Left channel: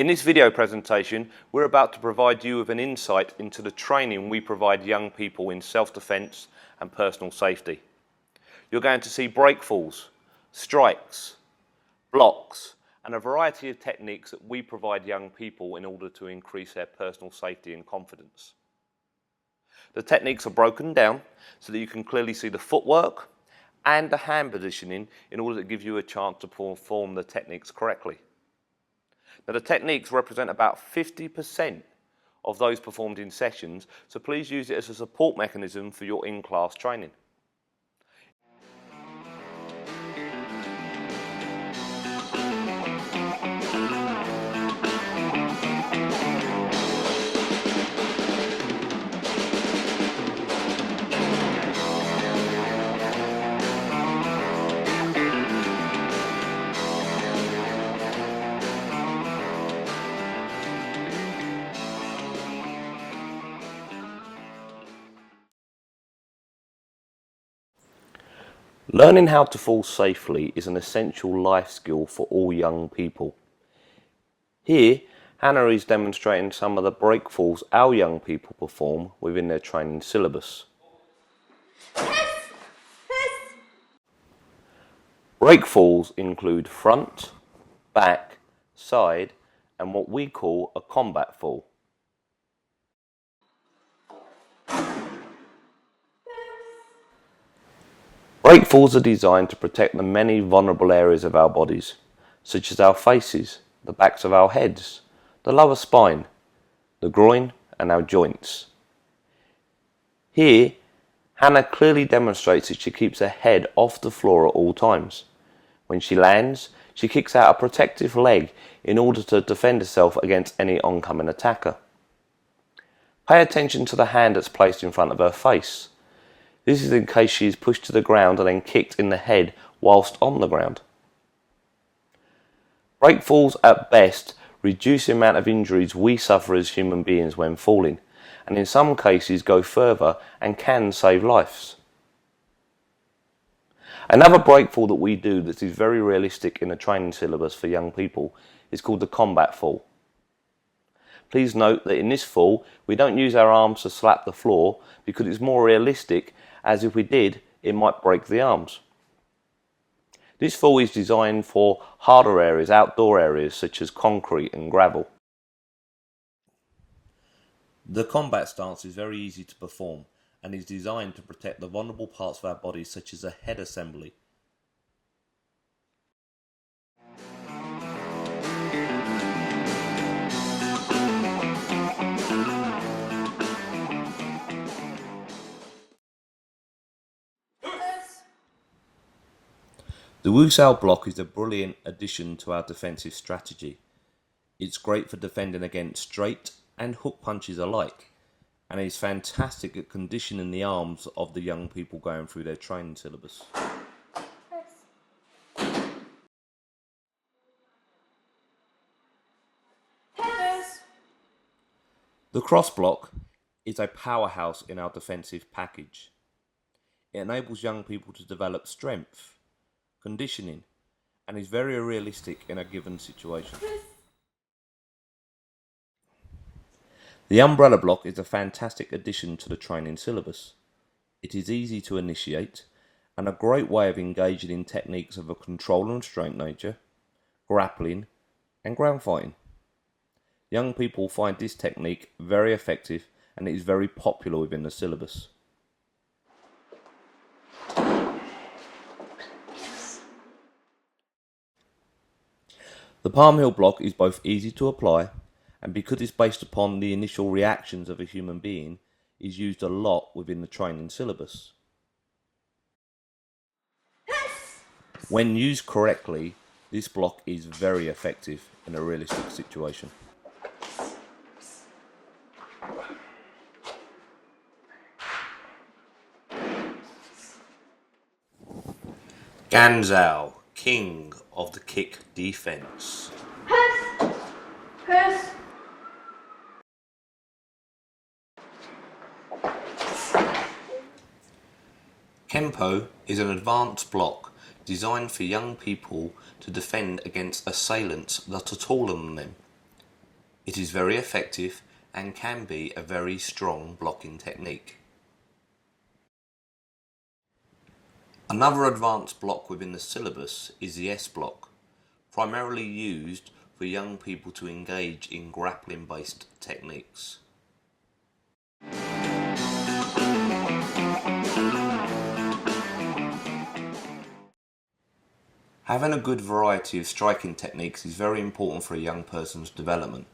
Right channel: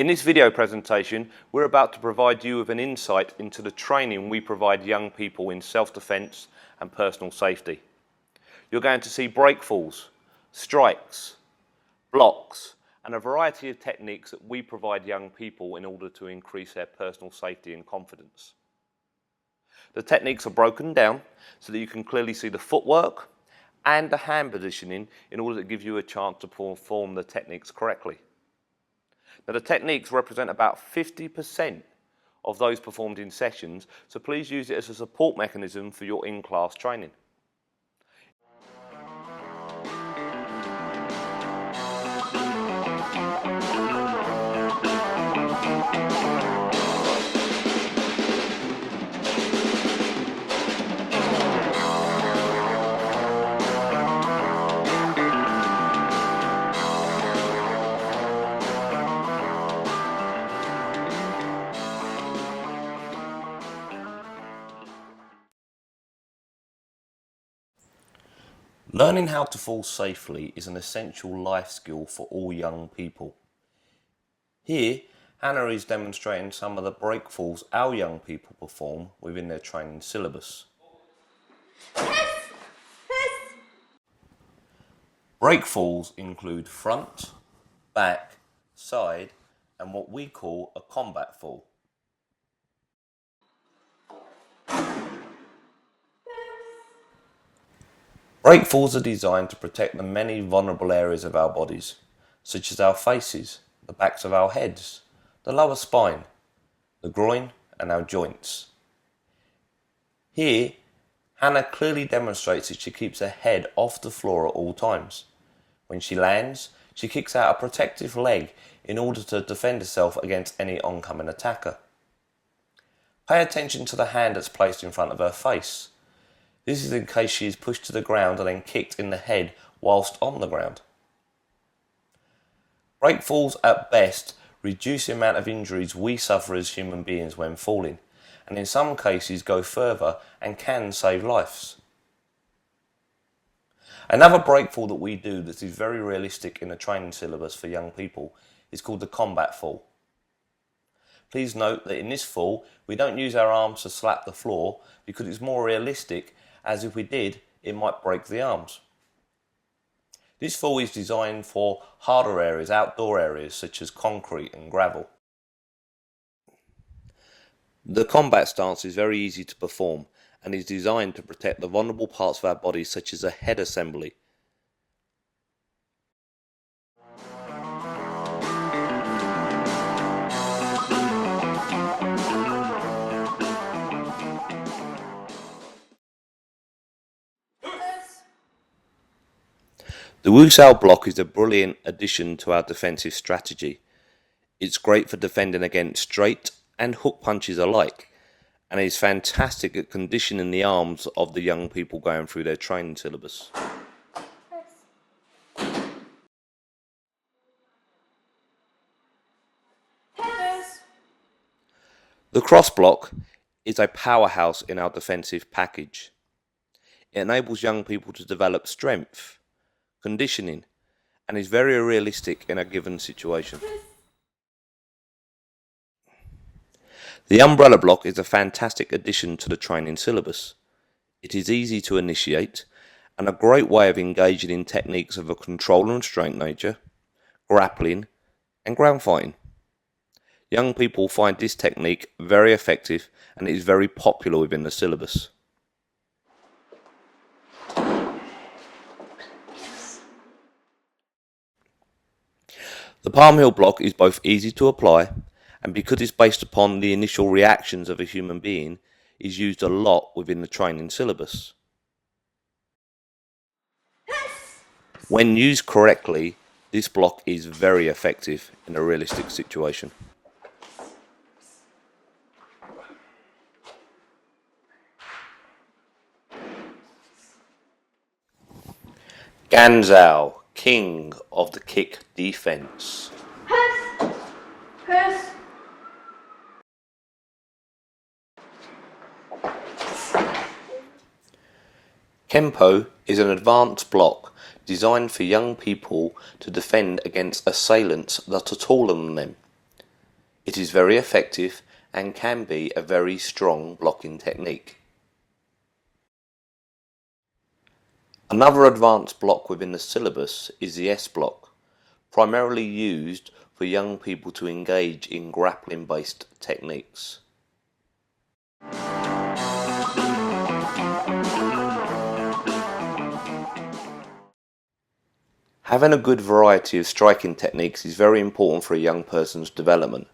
In this video presentation, we're about to provide you with an insight into the training we provide young people in self-defense and personal safety. You're going to see breakfalls, strikes, blocks, and a variety of techniques that we provide young people in order to increase their personal safety and confidence. The techniques are broken down so that you can clearly see the footwork and the hand positioning in order to give you a chance to perform the techniques correctly. Now, the techniques represent about 50% of those performed in sessions, so please use it as a support mechanism for your in-class training. Learning how to fall safely is an essential life skill for all young people. Here, Hannah is demonstrating some of the breakfalls our young people perform within their training syllabus. Breakfalls include front, back, side, and what we call a combat fall. Breakfalls are designed to protect the many vulnerable areas of our bodies, such as our faces, the backs of our heads, the lower spine, the groin, and our joints. Here, Hannah clearly demonstrates that she keeps her head off the floor at all times. When she lands, she kicks out a protective leg in order to defend herself against any oncoming attacker. Pay attention to the hand that's placed in front of her face. This is in case she is pushed to the ground and then kicked in the head whilst on the ground. Breakfalls at best reduce the amount of injuries we suffer as human beings when falling, and in some cases go further and can save lives. Another breakfall that we do that is very realistic in a training syllabus for young people is called the combat fall. Please note that in this fall we don't use our arms to slap the floor because it's more realistic, as if we did, it might break the arms. This fall is designed for harder areas, outdoor areas such as concrete and gravel. The combat stance is very easy to perform and is designed to protect the vulnerable parts of our bodies such as the head assembly. The Wusao block is a brilliant addition to our defensive strategy. It's great for defending against straight and hook punches alike, and is fantastic at conditioning the arms of the young people going through their training syllabus. The cross block is a powerhouse in our defensive package. It enables young people to develop strength, conditioning, and is very realistic in a given situation. The umbrella block is a fantastic addition to the training syllabus. It is easy to initiate and a great way of engaging in techniques of a control and restraint nature, grappling, and ground fighting. Young people find this technique very effective and it is very popular within the syllabus. The palm heel block is both easy to apply and, because it's based upon the initial reactions of a human being, is used a lot within the training syllabus. When used correctly, this block is very effective in a realistic situation. Ganzhao, king of the kick defense. Kempo is an advanced block designed for young people to defend against assailants that are taller than them. It is very effective and can be a very strong blocking technique. Another advanced block within the syllabus is the S block, primarily used for young people to engage in grappling-based techniques. Having a good variety of striking techniques is very important for a young person's development.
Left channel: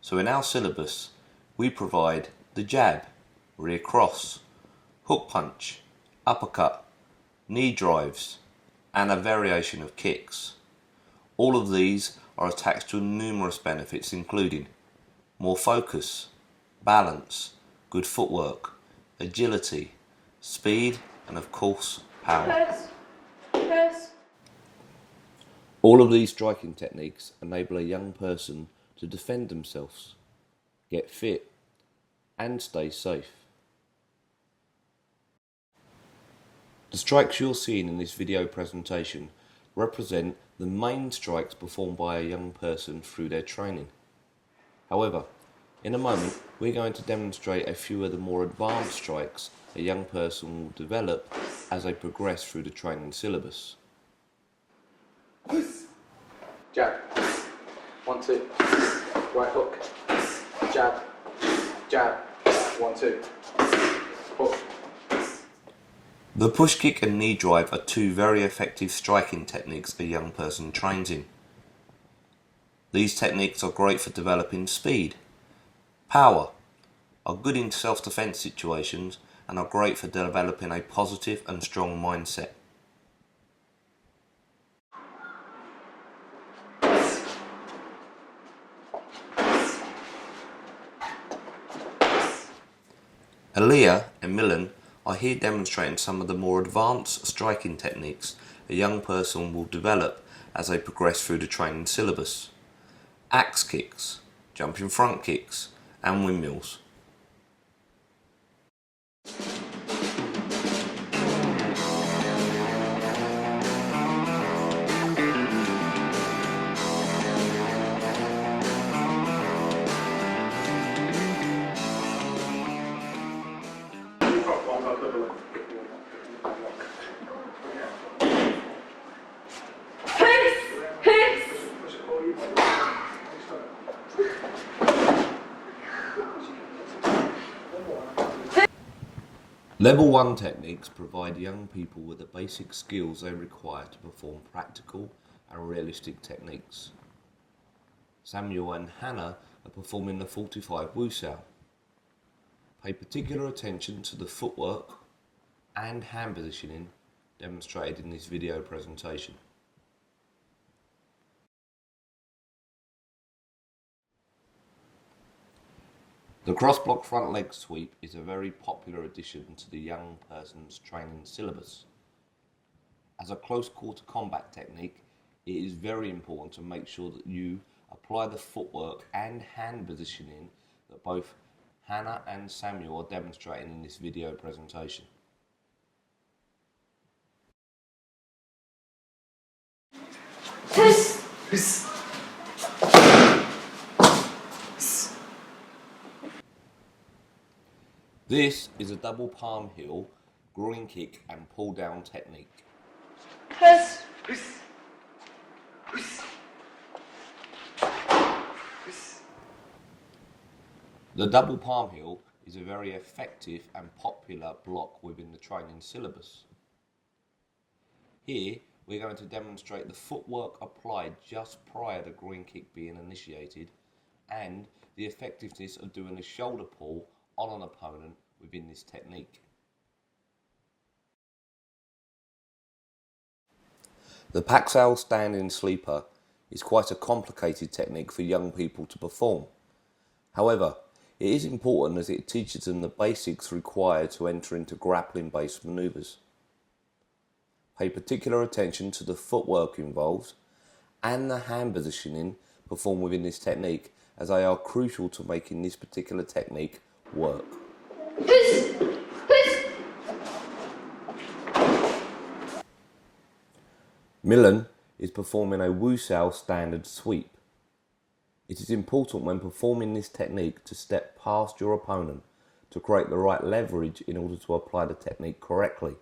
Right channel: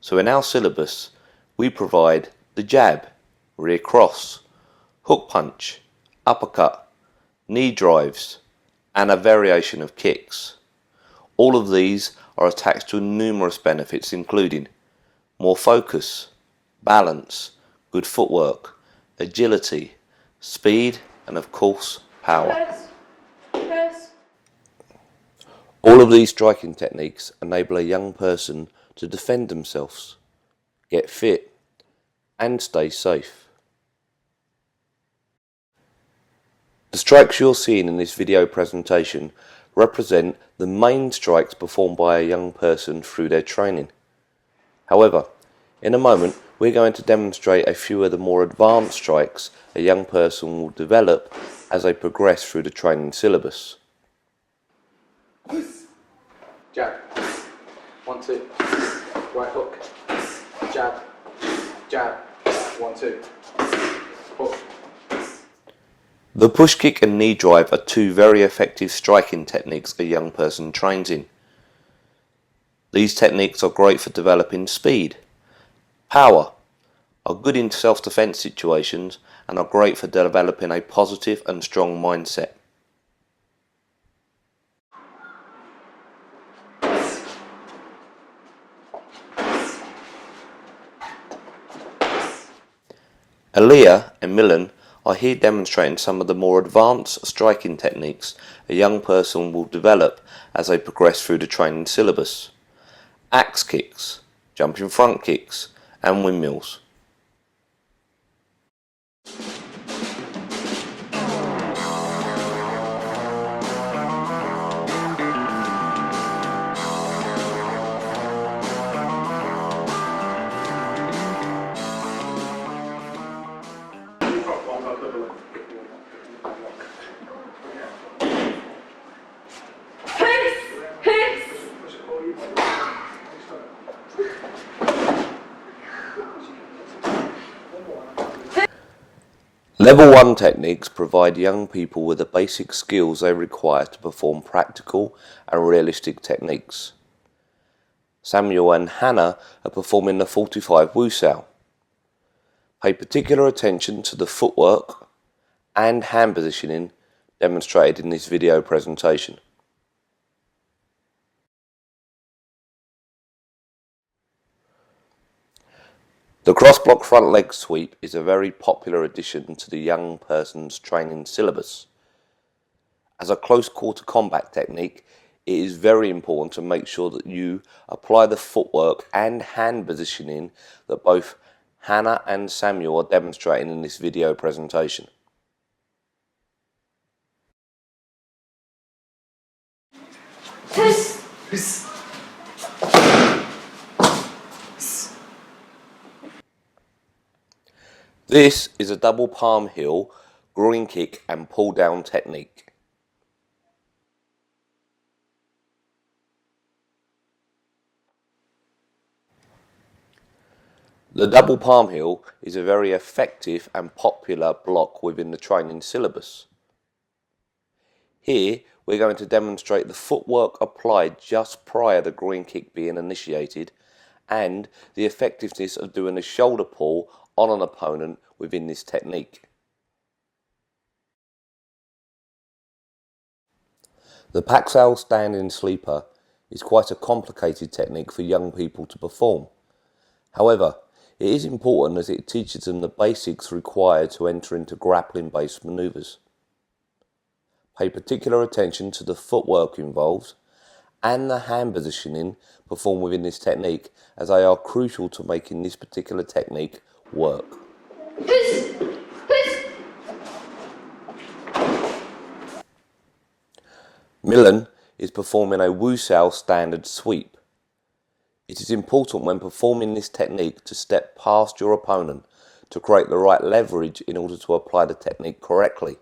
So in our syllabus, we provide the jab, rear cross, hook punch, uppercut, knee drives, and a variation of kicks. All of these are attached to numerous benefits, including more focus, balance, good footwork, agility, speed, and of course, power. All of these striking techniques enable a young person to defend themselves, get fit, and stay safe. The strikes you're seeing in this video presentation represent the main strikes performed by a young person through their training. However, in a moment we're going to demonstrate a few of the more advanced strikes a young person will develop as they progress through the training syllabus. Jab, 1, 2, right hook, jab, jab, 1, 2, hook. The push kick and knee drive are two very effective striking techniques a young person trains in. These techniques are great for developing speed, power, are good in self-defense situations, and are great for developing a positive and strong mindset. Aaliyah and Milan are here demonstrating some of the more advanced striking techniques a young person will develop as they progress through the training syllabus. Axe kicks, jumping front kicks, and windmills. Level 1 techniques provide young people with the basic skills they require to perform practical and realistic techniques. Samuel and Hannah are performing the 45 Wusao. Pay particular attention to the footwork and hand positioning demonstrated in this video presentation. The cross-block front leg sweep is a very popular addition to the young person's training syllabus. As a close quarter combat technique, it is very important to make sure that you apply the footwork and hand positioning that both Hannah and Samuel are demonstrating in this video presentation. This is a double palm heel, groin kick and pull down technique. The double palm heel is a very effective and popular block within the training syllabus. Here we're going to demonstrate the footwork applied just prior to the groin kick being initiated and the effectiveness of doing a shoulder pull on an opponent within this technique. The Paxal standing sleeper is quite a complicated technique for young people to perform. However, it is important as it teaches them the basics required to enter into grappling-based manoeuvres. Pay particular attention to the footwork involved and the hand positioning performed within this technique, as they are crucial to making this particular technique work. Milan is performing a Wusao standard sweep. It is important when performing this technique to step past your opponent to create the right leverage in order to apply the technique correctly.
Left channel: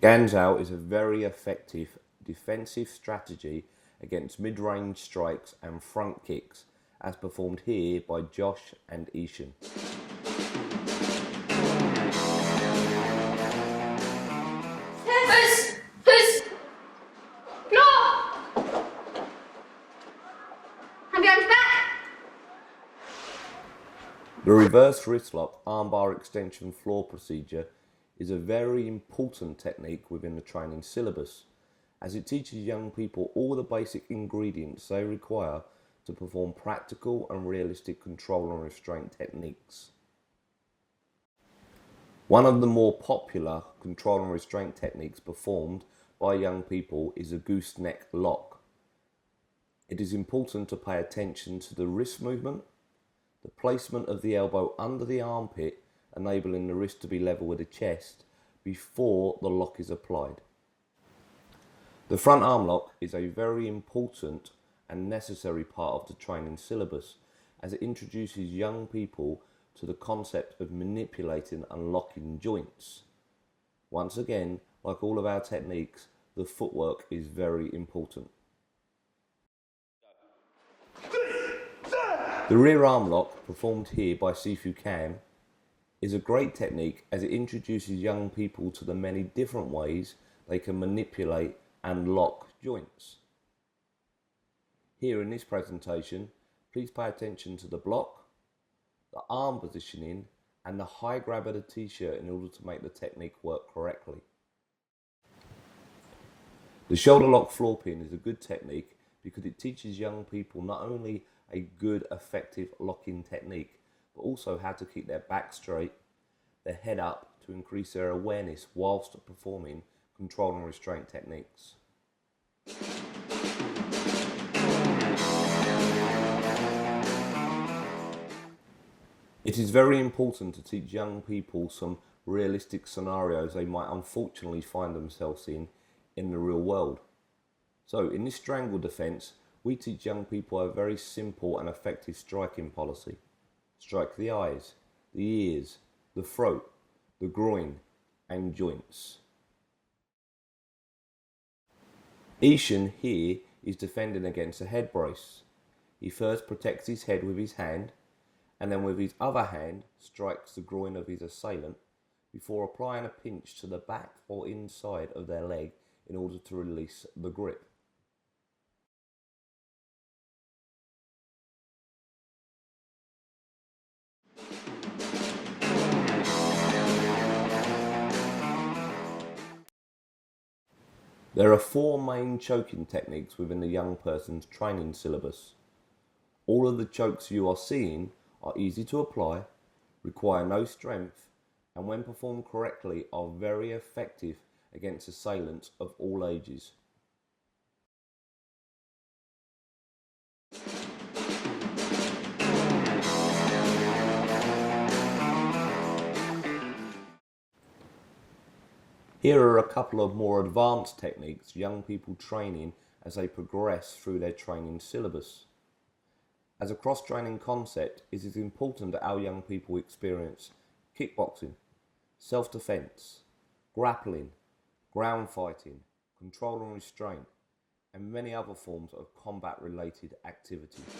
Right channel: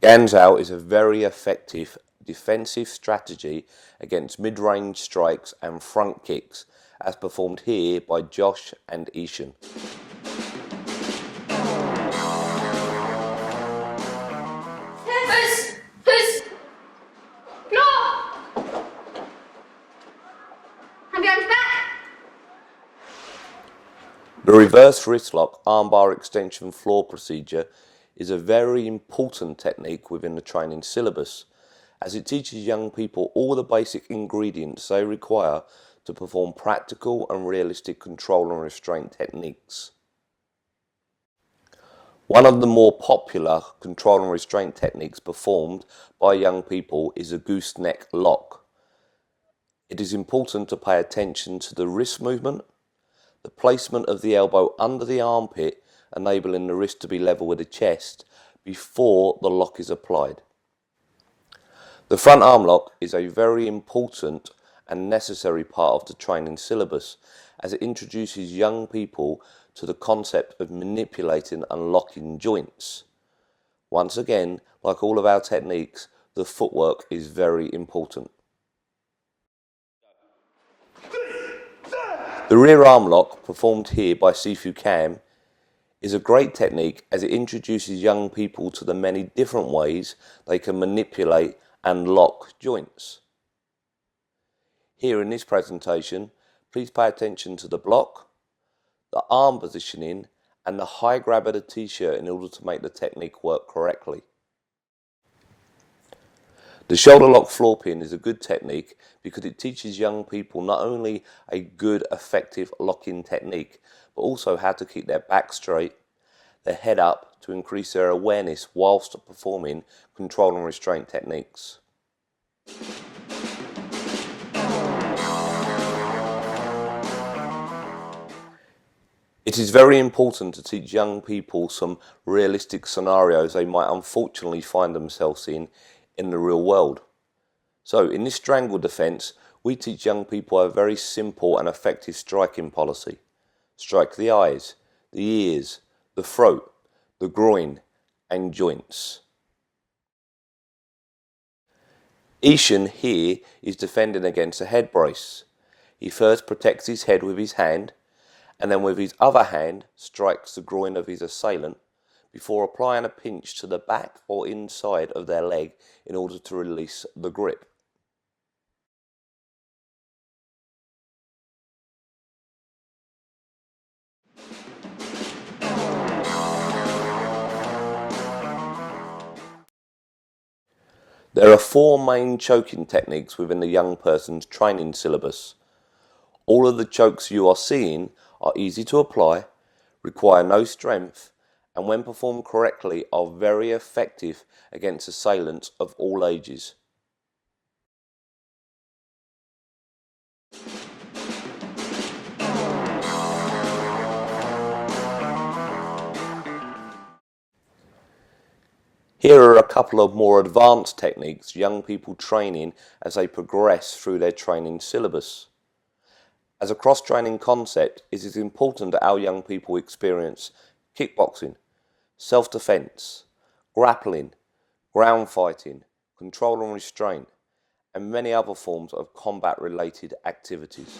Guns out is a very effective defensive strategy against mid-range strikes and front kicks, as performed here by Josh and Ishan. The reverse wrist lock armbar extension floor procedure is a very important technique within the training syllabus, as it teaches young people all the basic ingredients they require to perform practical and realistic control and restraint techniques. One of the more popular control and restraint techniques performed by young people is a gooseneck lock. It is important to pay attention to the wrist movement, the placement of the elbow under the armpit, enabling the wrist to be level with the chest before the lock is applied. The front arm lock is a very important and necessary part of the training syllabus, as it introduces young people to the concept of manipulating and locking joints. Once again, like all of our techniques, the footwork is very important. The rear arm lock, performed here by Sifu Kam, is a great technique as it introduces young people to the many different ways they can manipulate and lock joints. Here in this presentation, please pay attention to the block, the arm positioning and the high grab of the t-shirt in order to make the technique work correctly. The shoulder lock floor pin is a good technique because it teaches young people not only a good effective locking technique, but also how to keep their back straight, their head up to increase their awareness whilst performing control and restraint techniques. It is very important to teach young people some realistic scenarios they might unfortunately find themselves in the real world. So in this strangle defence, we teach young people a very simple and effective striking policy. Strike the eyes, the ears, the throat, the groin and joints. Ishan here is defending against a head brace. He first protects his head with his hand, and then with his other hand strikes the groin of his assailant before applying a pinch to the back or inside of their leg in order to release the grip. There are 4 main choking techniques within the young person's training syllabus. All of the chokes you are seeing are easy to apply, require no strength, and when performed correctly are very effective against assailants of all ages. Here are a couple of more advanced techniques young people train in as they progress through their training syllabus. As a cross-training concept, it is important that our young people experience kickboxing, self-defense, grappling, ground fighting, control and restraint, and many other forms of combat-related activities.